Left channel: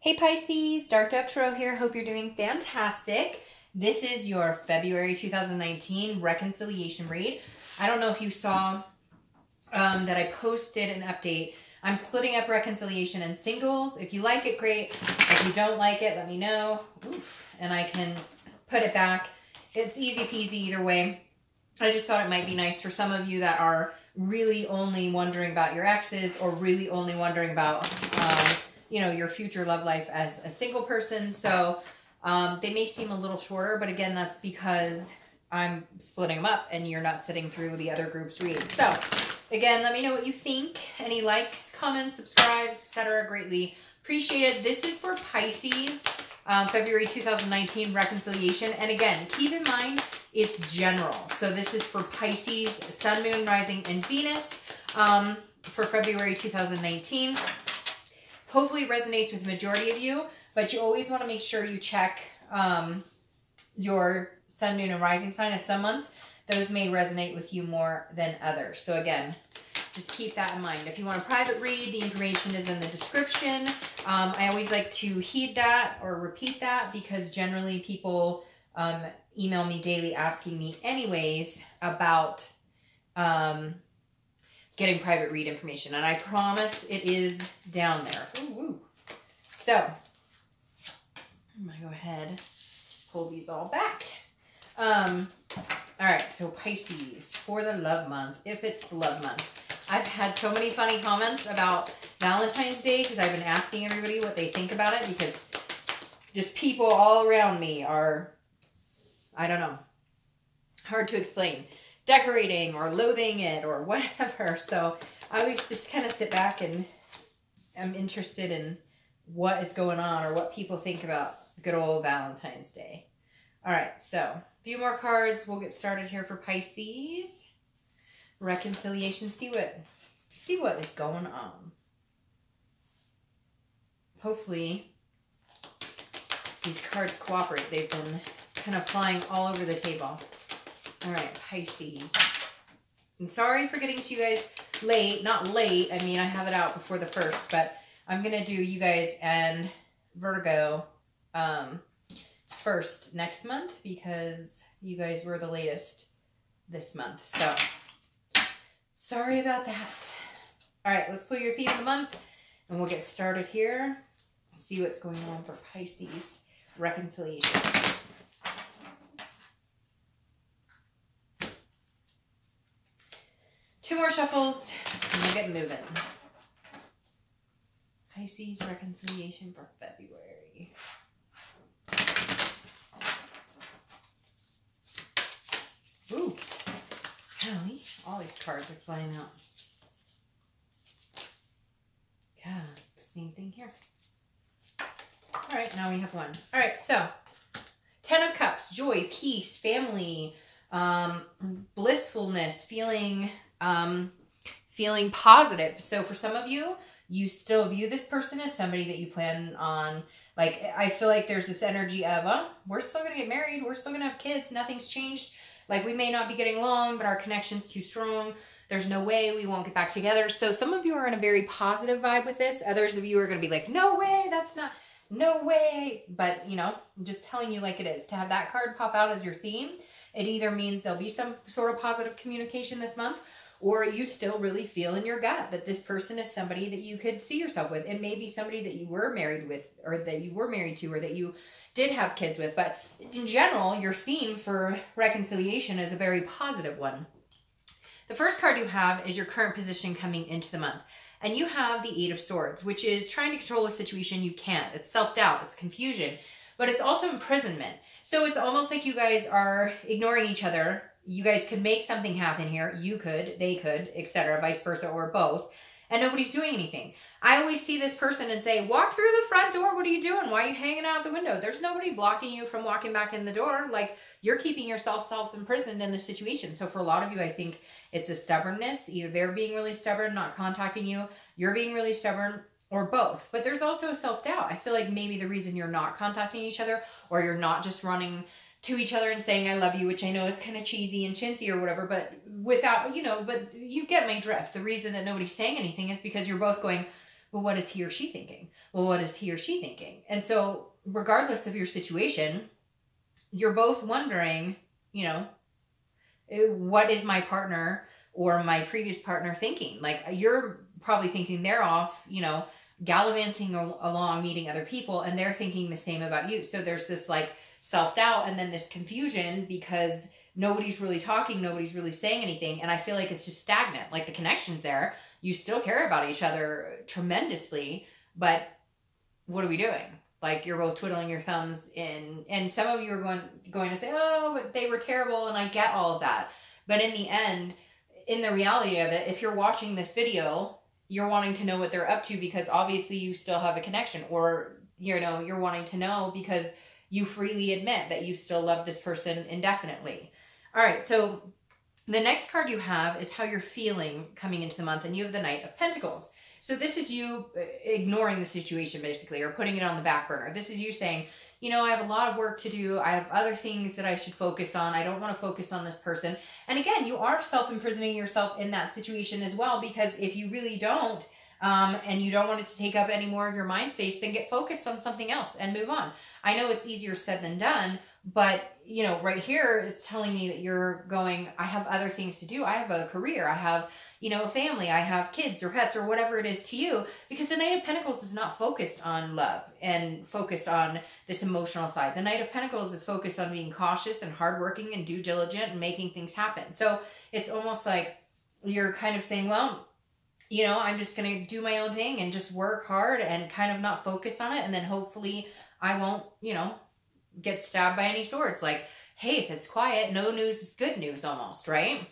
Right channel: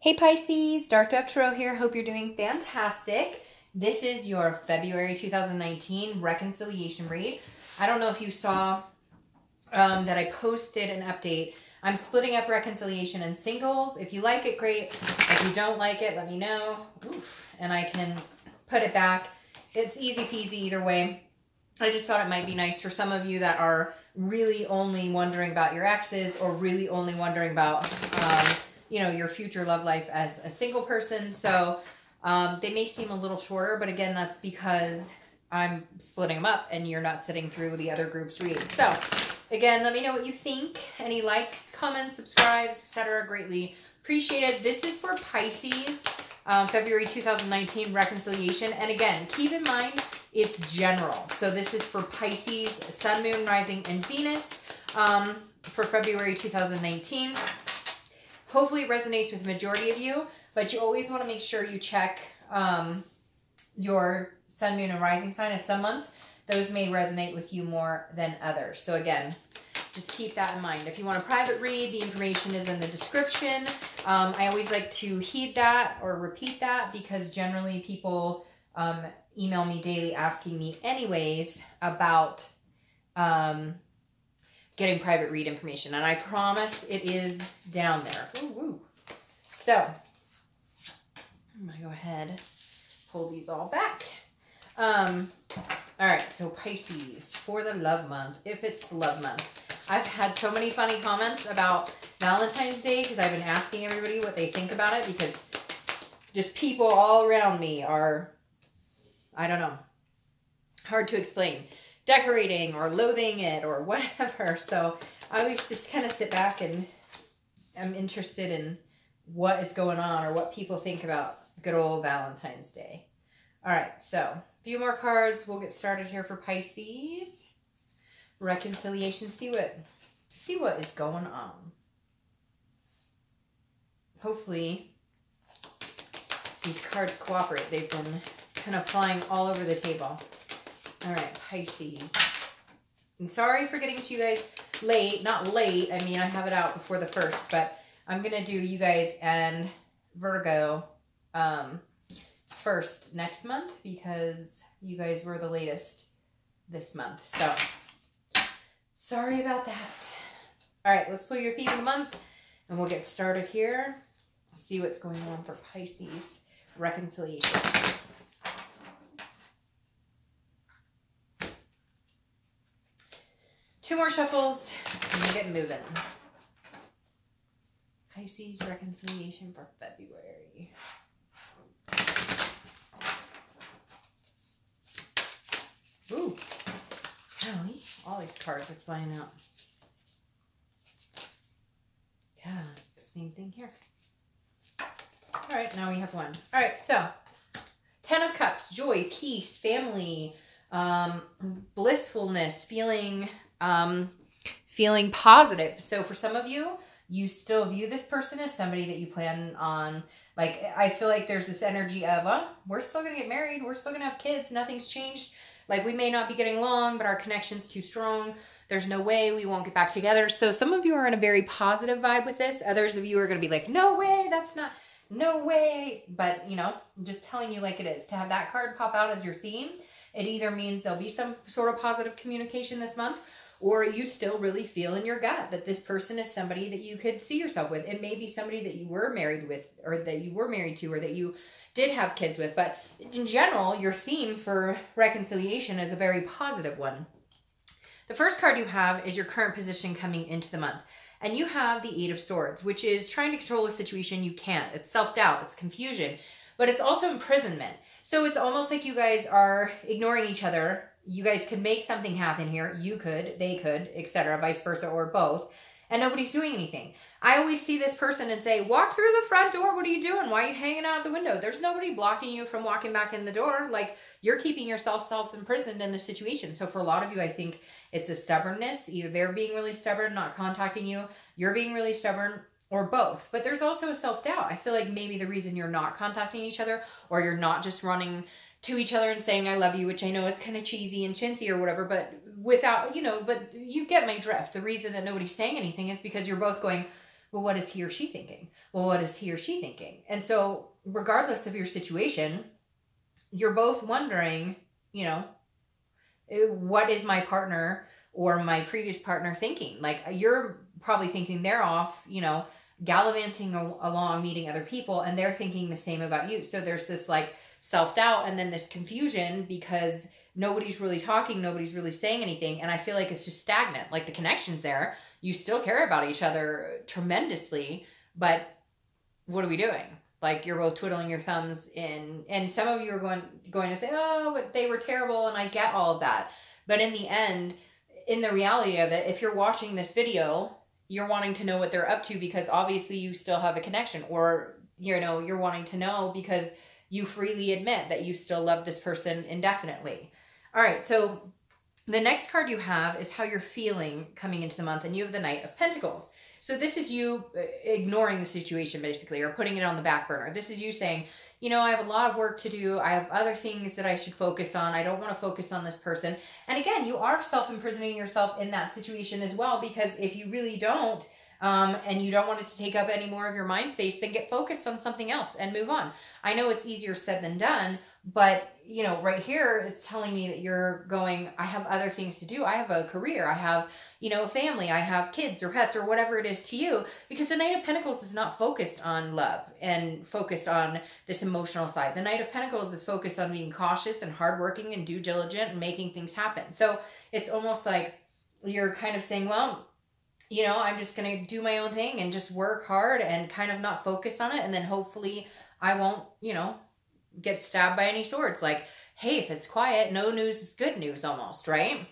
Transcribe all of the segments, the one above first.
Hey Pisces, Dark Dove Tarot here. Hope you're doing fantastic. This is your February 2019 reconciliation read. I don't know if you saw that I posted an update. I'm splitting up reconciliation and singles. If you like it, great. If you don't like it, let me know. Oof, and I can put it back. It's easy peasy either way. I just thought it might be nice for some of you that are really only wondering about your exes or really only wondering about you know, your future love life as a single person. So they may seem a little shorter, but again, that's because I'm splitting them up and you're not sitting through the other group's reads. So again, let me know what you think. Any likes, comments, subscribes, etc. Greatly appreciated. This is for Pisces, February 2019 reconciliation. And again, keep in mind, it's general. So this is for Pisces, Sun, Moon, Rising, and Venus for February 2019. Hopefully it resonates with the majority of you, but you always want to make sure you check your Sun, Moon, and Rising sign as some months. Those may resonate with you more than others. So again, just keep that in mind. If you want a private read, the information is in the description. I always like to heed that or repeat that because generally people email me daily asking me anyways about getting private read information. And I promise it is down there. Ooh, ooh. So, I'm going to go ahead, pull these all back. All right, so Pisces, for the love month, if it's the love month. I've had so many funny comments about Valentine's Day because I've been asking everybody what they think about it because just people all around me are, I don't know, hard to explain. Decorating or loathing it or whatever. So I always just kind of sit back and am interested in what is going on or what people think about good old Valentine's Day. All right, so a few more cards. We'll get started here for Pisces. Reconciliation. See what is going on. Hopefully these cards cooperate. They've been kind of flying all over the table. All right, Pisces. I'm sorry for getting to you guys late. Not late. I mean, I have it out before the 1st, but I'm going to do you guys and Virgo first next month because you guys were the latest this month. So, sorry about that. All right, let's pull your theme of the month and we'll get started here. See what's going on for Pisces reconciliation. Two more shuffles, and we'll get moving. Pisces reconciliation for February. Ooh, golly, all these cards are flying out. God, same thing here. All right, now we have one. All right, so 10 of Cups, joy, peace, family, blissfulness, feeling positive. So for some of you, you still view this person as somebody that you plan on, like, I feel like there's this energy of, oh, we're still going to get married. We're still going to have kids. Nothing's changed. Like, we may not be getting along, but our connection's too strong. There's no way we won't get back together. So some of you are in a very positive vibe with this. Others of you are going to be like, no way, that's not, no way. But, you know, I'm just telling you like it is. To have that card pop out as your theme, it either means there'll be some sort of positive communication this month, or you still really feel in your gut that this person is somebody that you could see yourself with. It may be somebody that you were married with, or that you were married to, or that you did have kids with. But in general, your theme for reconciliation is a very positive one. The first card you have is your current position coming into the month. And you have the 8 of Swords, which is trying to control a situation you can't. It's self-doubt, it's confusion, but it's also imprisonment. So it's almost like you guys are ignoring each other. You guys could make something happen here. You could, they could, etc., vice versa, or both. And nobody's doing anything. I always see this person and say, walk through the front door. What are you doing? Why are you hanging out the window? There's nobody blocking you from walking back in the door. Like, you're keeping yourself self-imprisoned in the situation. So for a lot of you, I think it's a stubbornness. Either they're being really stubborn, not contacting you. You're being really stubborn, or both. But there's also a self-doubt. I feel like maybe the reason you're not contacting each other, or you're not just running to each other and saying I love you, which I know is kind of cheesy and chintzy or whatever, but without, you know, but you get my drift. The reason that nobody's saying anything is because you're both going, but what is he or she thinking? Well, what is he or she thinking? And so regardless of your situation, you're both wondering, you know, what is my partner or my previous partner thinking? Like, you're probably thinking they're off, you know, gallivanting along, meeting other people, and they're thinking the same about you. So there's this like self-doubt and then this confusion because nobody's really talking, nobody's really saying anything. And I feel like it's just stagnant. Like, the connection's there. You still care about each other tremendously, but what are we doing? Like, you're both twiddling your thumbs and some of you are going to say, oh, but they were terrible, and I get all of that. But in the end, in the reality of it, if you're watching this video, you're wanting to know what they're up to because obviously you still have a connection, or, you know, you're wanting to know because you freely admit that you still love this person indefinitely. All right, so the next card you have is how you're feeling coming into the month, and you have the Knight of Pentacles. So this is you ignoring the situation, basically, or putting it on the back burner. This is you saying, you know, I have a lot of work to do. I have other things that I should focus on. I don't want to focus on this person. And again, you are self-imprisoning yourself in that situation as well, because if you really don't, and you don't want it to take up any more of your mind space, then get focused on something else and move on. I know it's easier said than done, but, you know, right here, it's telling me that you're going, I have other things to do. I have a career. I have, you know, family. I have kids or pets or whatever it is to you, because the Knight of Pentacles is not focused on love and focused on this emotional side. The Knight of Pentacles is focused on being cautious and hardworking and due diligent and making things happen. So it's almost like you're kind of saying, well, you know, I'm just going to do my own thing and just work hard and kind of not focus on it. And then hopefully I won't, you know, get stabbed by any swords. Like, hey, if it's quiet, no news is good news almost, right?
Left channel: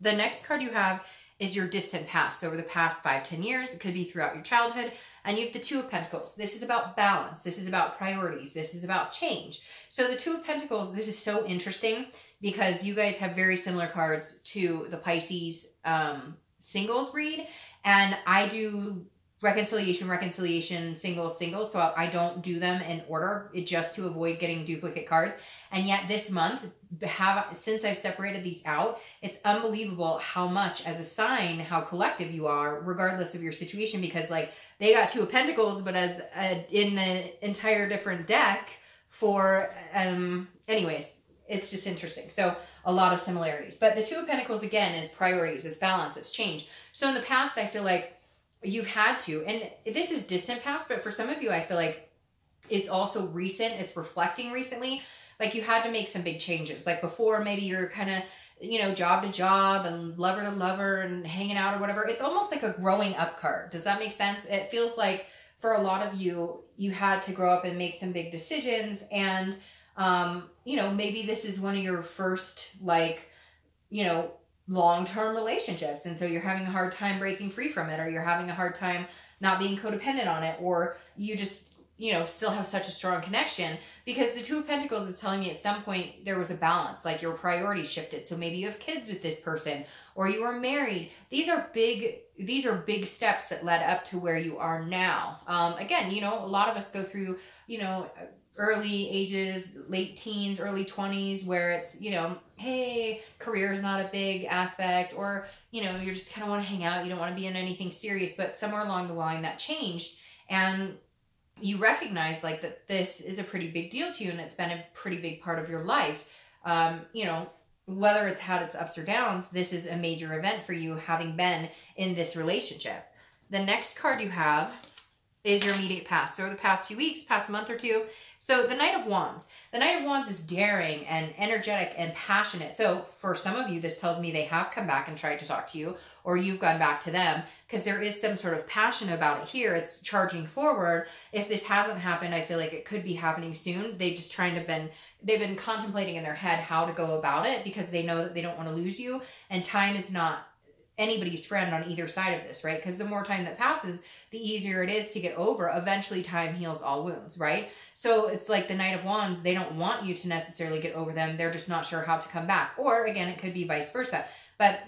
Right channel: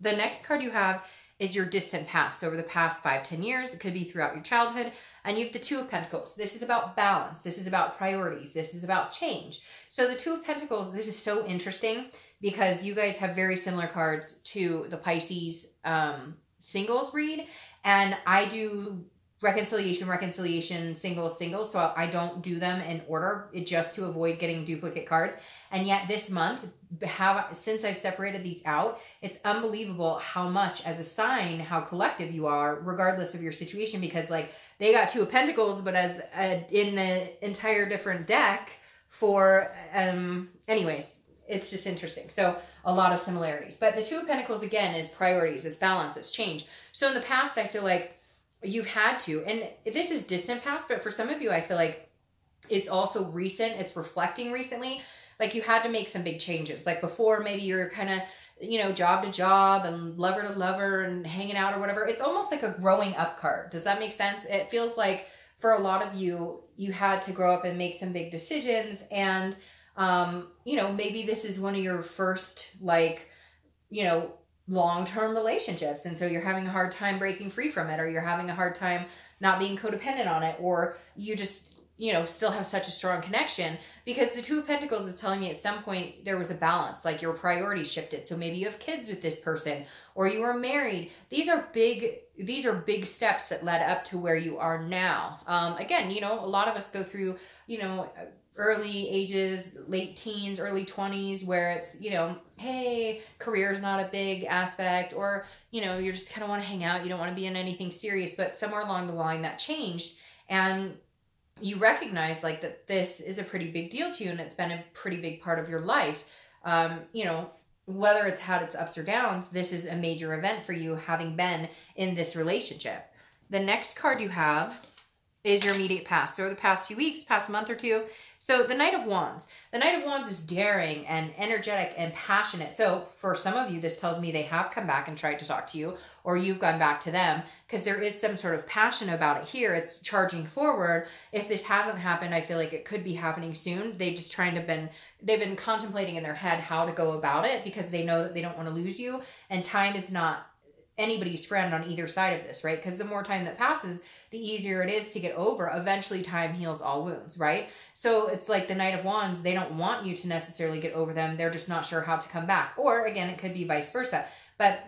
The next card you have is your distant past. So over the past 5-10 years, it could be throughout your childhood. And you have the Two of Pentacles. This is about balance. This is about priorities. This is about change. So the Two of Pentacles, this is so interesting because you guys have very similar cards to the Pisces singles read. And I do reconciliation, singles. So I don't do them in order, just to avoid getting duplicate cards. And yet this month, since I've separated these out, it's unbelievable how much as a sign, how collective you are, regardless of your situation, because like they got Two of Pentacles, but as in the entire different deck for, anyways, it's just interesting. So a lot of similarities, but the Two of Pentacles again is priorities, it's balance, it's change. So in the past, I feel like you've had to, and this is distant past, but for some of you, I feel like it's also recent. It's reflecting recently. Like you had to make some big changes. Like before, maybe you're kind of, you know, job to job and lover to lover and hanging out or whatever. It's almost like a growing up card. Does that make sense? It feels like for a lot of you, you had to grow up and make some big decisions. And, you know, maybe this is one of your first, like, you know, long-term relationships. And so you're having a hard time breaking free from it, or you're having a hard time not being codependent on it, or you just, you know, still have such a strong connection, because the Two of Pentacles is telling me at some point there was a balance, like your priorities shifted. So maybe you have kids with this person, or you are married. These are big steps that led up to where you are now. Again, you know, a lot of us go through, you know, early ages, late teens, early 20s, where it's, you know, hey, career is not a big aspect, or, you know, you just kind of want to hang out. You don't want to be in anything serious, but somewhere along the line that changed. And you recognize like that this is a pretty big deal to you, and it's been a pretty big part of your life. You know, whether it's had its ups or downs, this is a major event for you having been in this relationship. The next card you have is your immediate past. So over the past few weeks, past month or two. So the Knight of Wands. The Knight of Wands is daring and energetic and passionate. So for some of you, this tells me they have come back and tried to talk to you, or you've gone back to them, because there is some sort of passion about it here. It's charging forward. If this hasn't happened, I feel like it could be happening soon. They've been contemplating in their head how to go about it, because they know that they don't want to lose you, and time is not anybody's friend on either side of this, right? Because the more time that passes, the easier it is to get over. Eventually, time heals all wounds, right? So it's like the Knight of Wands, they don't want you to necessarily get over them. They're just not sure how to come back. Or again, it could be vice versa. But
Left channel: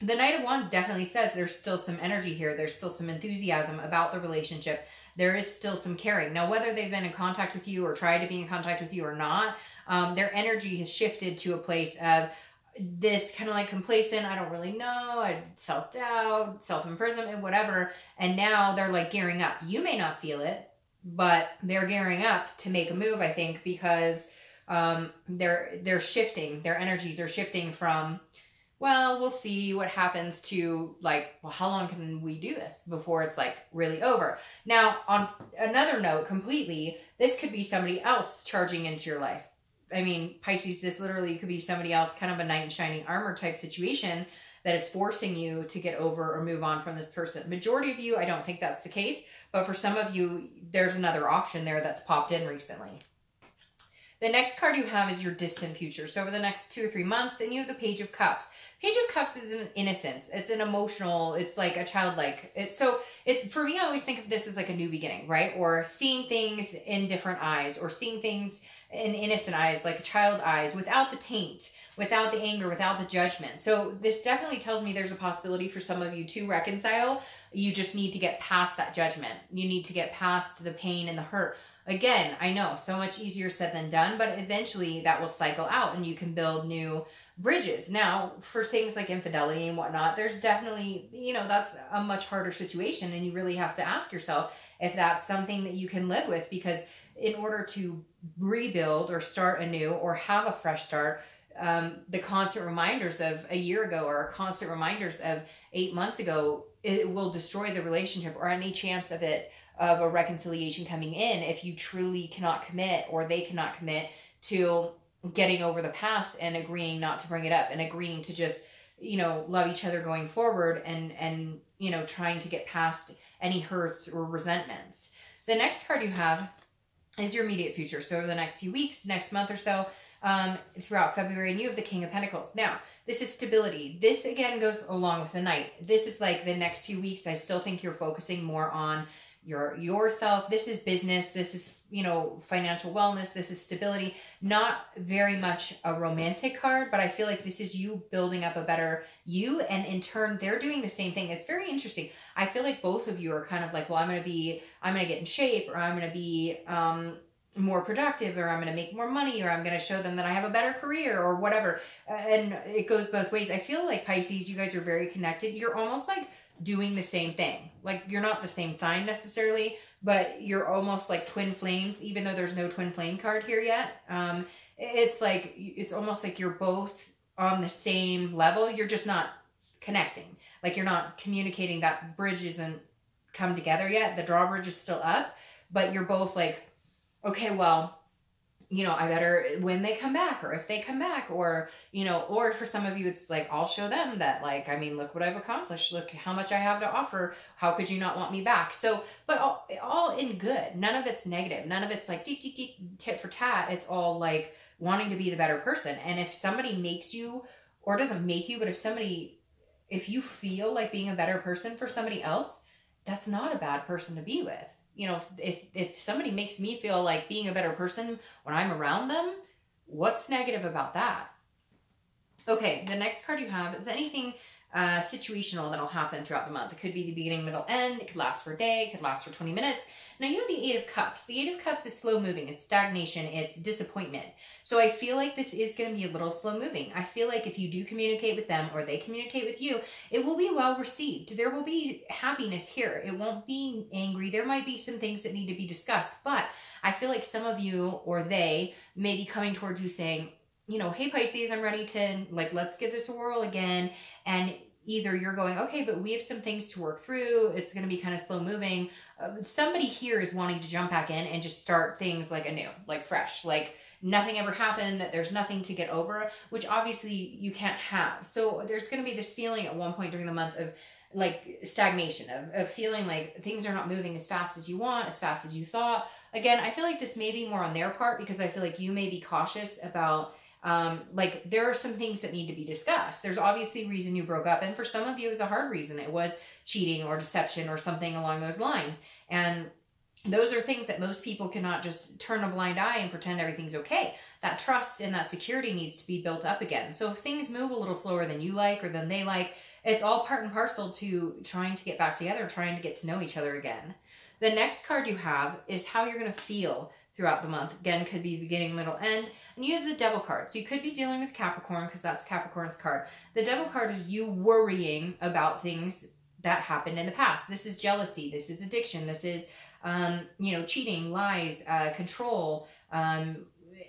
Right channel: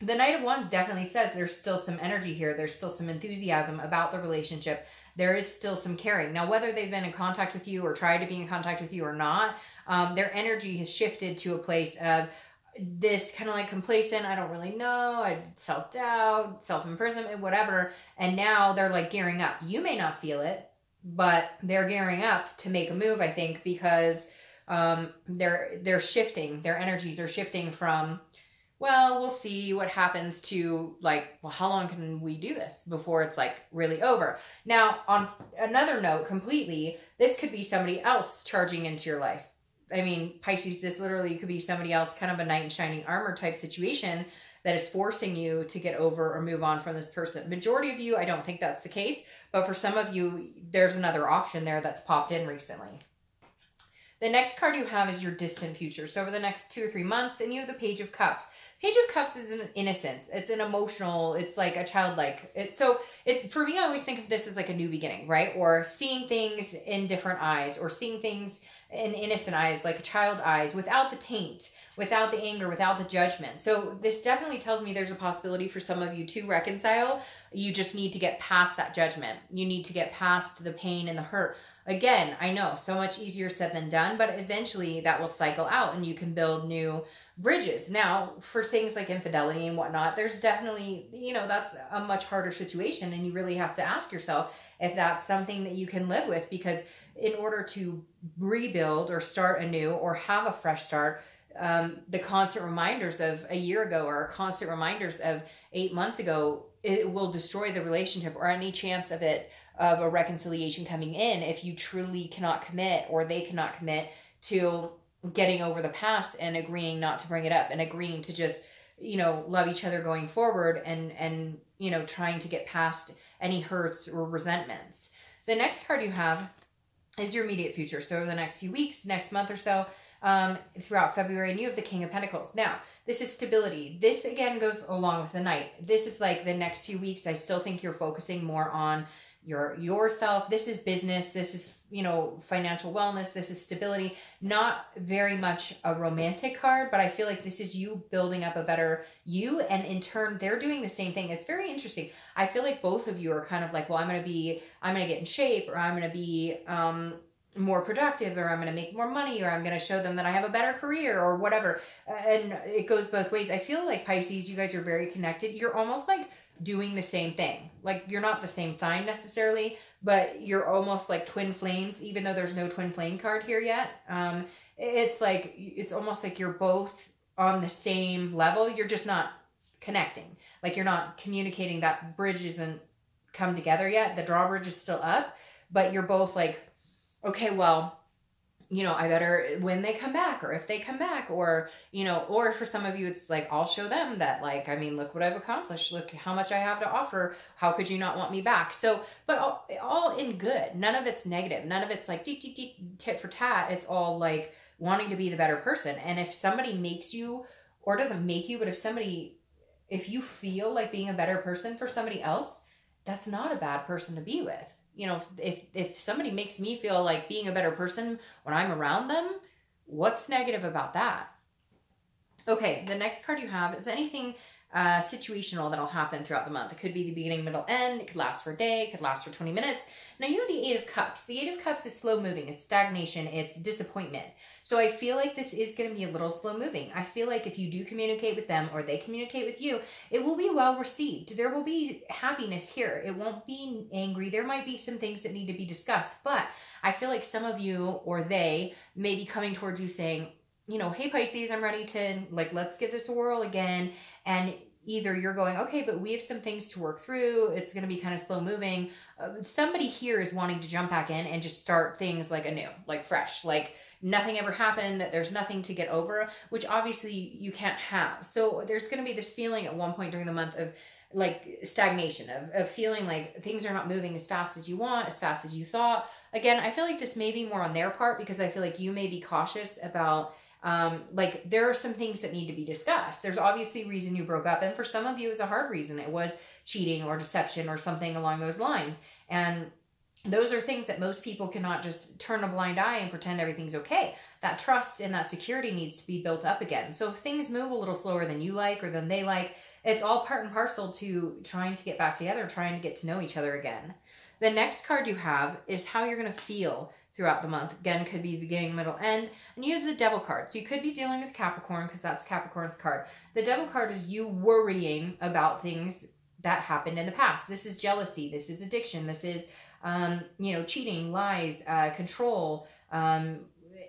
the Knight of Wands definitely says there's still some energy here. There's still some enthusiasm about the relationship. There is still some caring. Now, whether they've been in contact with you or tried to be in contact with you or not, their energy has shifted to a place of this kind of like complacent, I don't really know, self-doubt, self-imprisonment, whatever. And now they're like gearing up. You may not feel it, but they're gearing up to make a move, I think, because they're shifting. Their energies are shifting from, well, we'll see what happens, to like, well, how long can we do this before it's like really over? Now, on another note completely, this could be somebody else charging into your life. I mean, Pisces, this literally could be somebody else, kind of a knight in shining armor type situation that is forcing you to get over or move on from this person. Majority of you, I don't think that's the case, but for some of you, there's another option there that's popped in recently. The next card you have is your distant future. So over the next 2 or 3 months, and you have the Page of Cups. Page of Cups is an innocence. It's an emotional, it's like a childlike. For me, I always think of this as like a new beginning, right? Or seeing things in different eyes, or seeing things in innocent eyes, like a child eyes, without the taint, without the anger, without the judgment. So this definitely tells me there's a possibility for some of you to reconcile. You just need to get past that judgment. You need to get past the pain and the hurt. Again, I know, so much easier said than done, but eventually that will cycle out and you can build new bridges. Now, for things like infidelity and whatnot, there's definitely, that's a much harder situation, and you really have to ask yourself if that's something that you can live with, because in order to rebuild or start anew or have a fresh start, the constant reminders of a year ago or constant reminders of 8 months ago, it will destroy the relationship or any chance of a reconciliation coming in if you truly cannot commit, or they cannot commit to getting over the past and agreeing not to bring it up and agreeing to just, love each other going forward and trying to get past any hurts or resentments. The next card you have is your immediate future. So over the next few weeks, next month or so, throughout February, and you have the King of Pentacles. Now, this is stability. This, again, goes along with the Knight. This is like the next few weeks. I still think you're focusing more on yourself. This is business. This is, financial wellness. This is stability. Not very much a romantic card, but I feel like this is you building up a better you. And in turn, they're doing the same thing. It's very interesting. I feel like both of you are kind of like, well, I'm going to get in shape, or I'm going to be, more productive, or I'm going to make more money, or I'm going to show them that I have a better career, or whatever. And it goes both ways. I feel like Pisces, you guys are very connected. You're almost like doing the same thing. Like, you're not the same sign necessarily, but you're almost like twin flames, even though there's no twin flame card here yet. It's almost like you're both on the same level. You're just not connecting. Like, you're not communicating. That bridge isn't come together yet. The drawbridge is still up, but you're both like, okay, well, I better, when they come back, or if they come back, or, or for some of you, it's like, I'll show them that, like, look what I've accomplished. Look how much I have to offer. How could you not want me back? So, but all in good. None of it's negative. None of it's like tit for tat. It's all like wanting to be the better person. And if somebody makes you, or doesn't make you, but if you feel like being a better person for somebody else, that's not a bad person to be with. If somebody makes me feel like being a better person when I'm around them, what's negative about that? Okay, the next card you have is anything situational that'll happen throughout the month. It could be the beginning, middle, end. It could last for a day. It could last for 20 minutes. Now, you have the 8 of Cups. The 8 of Cups is slow moving. It's stagnation. It's disappointment. So I feel like this is going to be a little slow moving. I feel like if you do communicate with them, or they communicate with you, it will be well received. There will be happiness here. It won't be angry. There might be some things that need to be discussed, but I feel like some of you, or they, may be coming towards you saying, hey, Pisces, I'm ready to, let's give this a whirl again. And either you're going, okay, but we have some things to work through. It's going to be kind of slow moving. Somebody here is wanting to jump back in and just start things like anew, like fresh, like nothing ever happened, that there's nothing to get over, which obviously you can't have. So there's going to be this feeling at one point during the month of like stagnation, of feeling like things are not moving as fast as you want, as fast as you thought. Again, I feel like this may be more on their part, because I feel like you may be cautious about there are some things that need to be discussed. There's obviously a reason you broke up, and for some of you it was a hard reason. It was cheating or deception or something along those lines, and those are things that most people cannot just turn a blind eye and pretend everything's okay. That trust and that security needs to be built up again. So if things move a little slower than you like, or than they like, it's all part and parcel to trying to get back together, trying to get to know each other again. The next card you have is how you're going to feel throughout the month. Again, could be beginning, middle, end. And you have the Devil card. So you could be dealing with Capricorn because that's Capricorn's card. The Devil card is you worrying about things that happened in the past. This is jealousy. This is addiction. This is, you know, cheating, lies, control,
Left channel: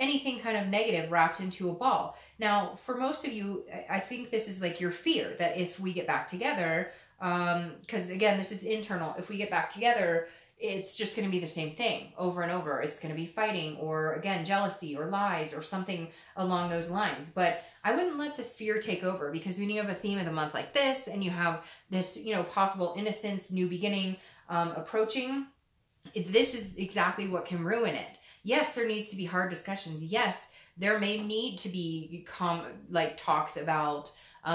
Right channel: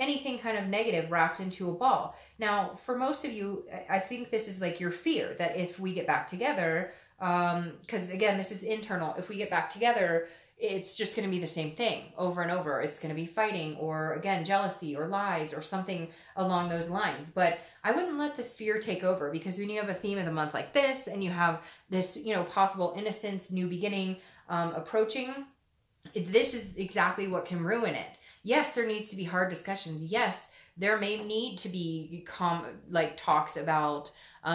anything kind of negative wrapped into a ball. Now, for most of you, I think this is like your fear that if we get back together, because again, this is internal. If we get back together, it's just going to be the same thing over and over. It's going to be fighting or, again, jealousy or lies or something along those lines. But I wouldn't let this fear take over, because when you have a theme of the month like this and you have this, you know, possible innocence, new beginning approaching, this is exactly what can ruin it. Yes, there needs to be hard discussions. Yes, there may need to be talks about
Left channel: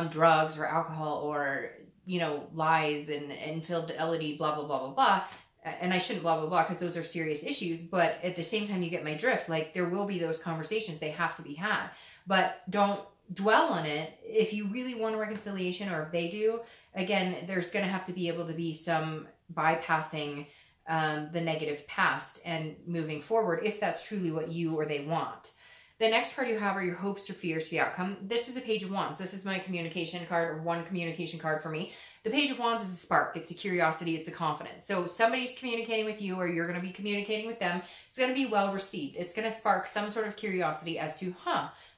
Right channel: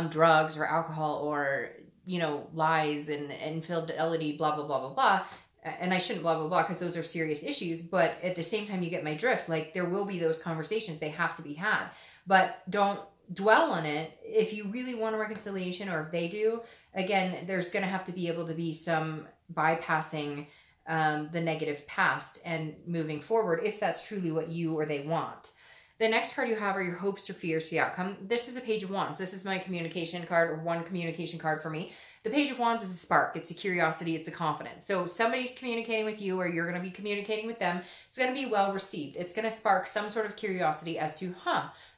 drugs or alcohol or, you know, lies and infidelity, blah, blah, blah, blah, blah. And I shouldn't blah, blah, blah, because those are serious issues. But at the same time, you get my drift. Like, there will be those conversations. They have to be had. But don't dwell on it. If you really want a reconciliation, or if they do, again, there's going to have to be able to be some bypassing the negative past and moving forward, if that's truly what you or they want. The next card you have are your hopes or fears for the outcome. This is a Page of Wands. This is my communication card, or one communication card for me. The Page of Wands is a spark. It's a curiosity. It's a confidence. So somebody's communicating with you, or you're going to be communicating with them. It's going to be well received. It's going to spark some sort of curiosity as to,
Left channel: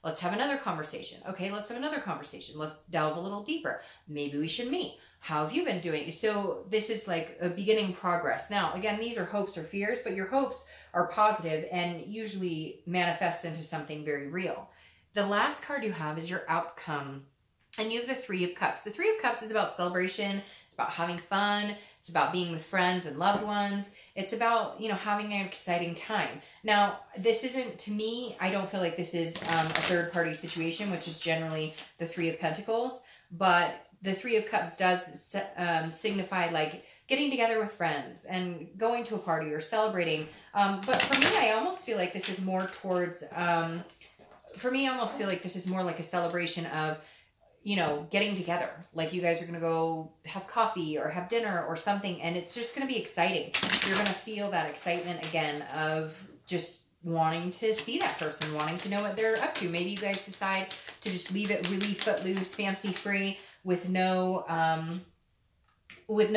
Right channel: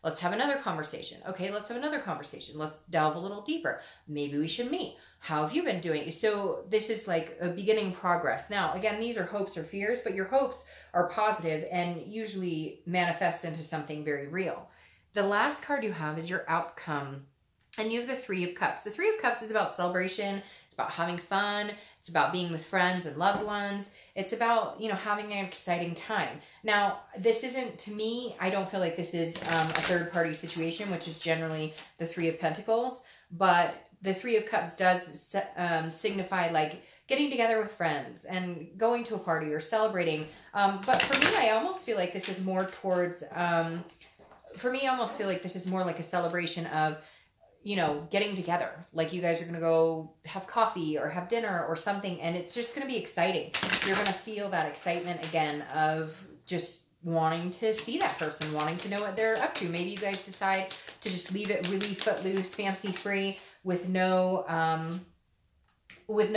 let's have another conversation. Okay, let's have another conversation. Let's delve a little deeper. Maybe we should meet. How have you been doing? So this is like a beginning progress. Now, again, these are hopes or fears, but your hopes are positive and usually manifest into something very real. The last card you have is your outcome. And you have the Three of Cups. The Three of Cups is about celebration. It's about having fun. It's about being with friends and loved ones. It's about, you know, having an exciting time. Now, this isn't, to me, I don't feel like this is a third-party situation, which is generally the Three of Pentacles. But the Three of Cups does signify, like, getting together with friends and going to a party or celebrating. But for me, I almost feel like this is more towards, for me, I almost feel like this is more like a celebration of, you know, getting together. Like, you guys are going to go have coffee or have dinner or something, and it's just going to be exciting. You're going to feel that excitement again of just wanting to see that person, wanting to know what they're up to. Maybe you guys decide to just leave it really footloose, fancy-free, with no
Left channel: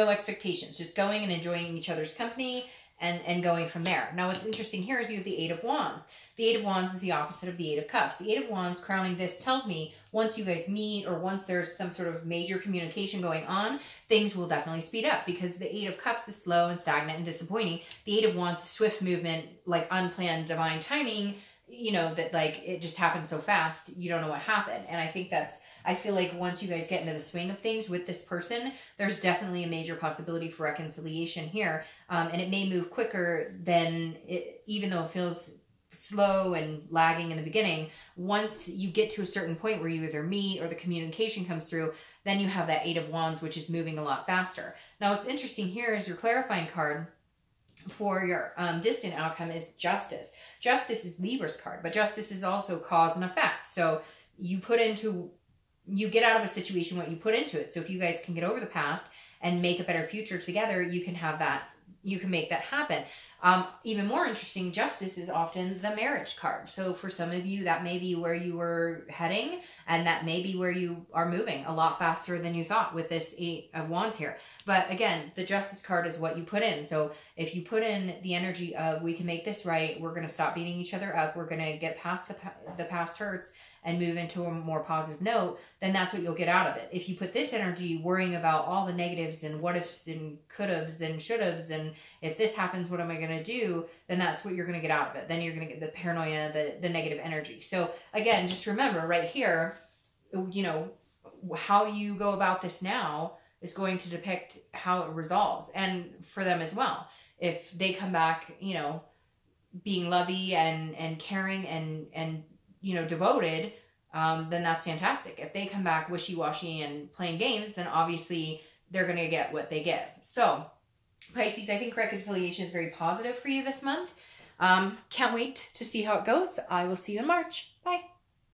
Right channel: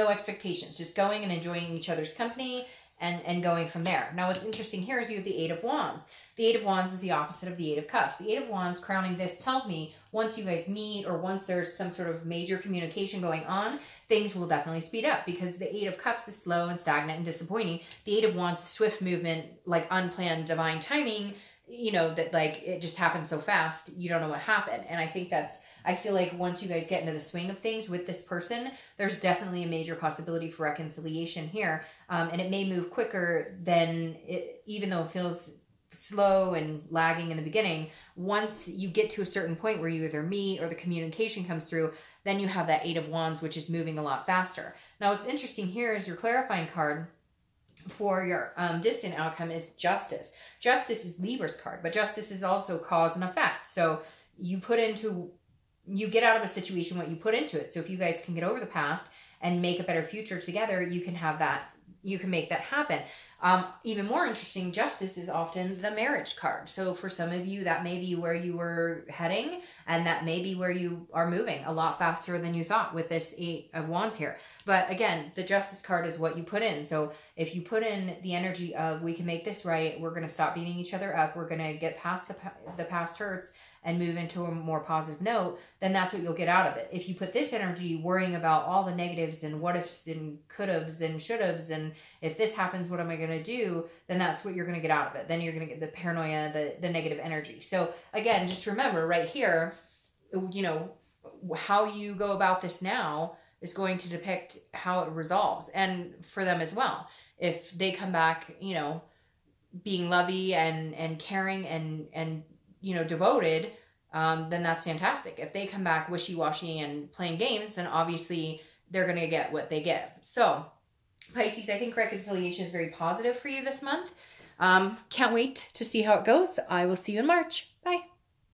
expectations, just going and enjoying each other's company and going from there. Now, what's interesting here is you have the Eight of Wands. The Eight of Wands is the opposite of the Eight of Cups. The Eight of Wands crowning this tells me once you guys meet, or once there's some sort of major communication going on, things will definitely speed up, because the Eight of Cups is slow and stagnant and disappointing. The Eight of Wands, swift movement, like unplanned divine timing, you know, that like it just happened so fast, you don't know what happened. And I think that's, I feel like once you guys get into the swing of things with this person, there's definitely a major possibility for reconciliation here. And it may move quicker than it, even though it feels slow and lagging in the beginning. Once you get to a certain point where you either meet or the communication comes through, then you have that Eight of Wands, which is moving a lot faster. Now, what's interesting here is your clarifying card for your distant outcome is Justice. Justice is Libra's card, but Justice is also cause and effect. So you get out of a situation what you put into it. So if you guys can get over the past and make a better future together, you can have that, you can make that happen. Even more interesting, Justice is often the marriage card. So for some of you, that may be where you were heading, and that may be where you are moving a lot faster than you thought with this Eight of Wands here. But again, the Justice card is what you put in. So if you put in the energy of, we can make this right, we're going to stop beating each other up, we're going to get past the past hurts and move into a more positive note, then that's what you'll get out of it. If you put this energy worrying about all the negatives and what ifs and could haves and should haves, and if this happens, what am I going to do? Then that's what you're going to get out of it. Then you're going to get the paranoia, the negative energy. So again, just remember right here, you know, how you go about this now is going to depict how it resolves, and for them as well. If they come back, you know, being lovey and caring and you know, devoted, then that's fantastic. If they come back wishy-washy and playing games, then obviously they're going to get what they give. So, Pisces, I think reconciliation is very positive for you this month. Can't wait to see how it goes. I will see you in March. Bye.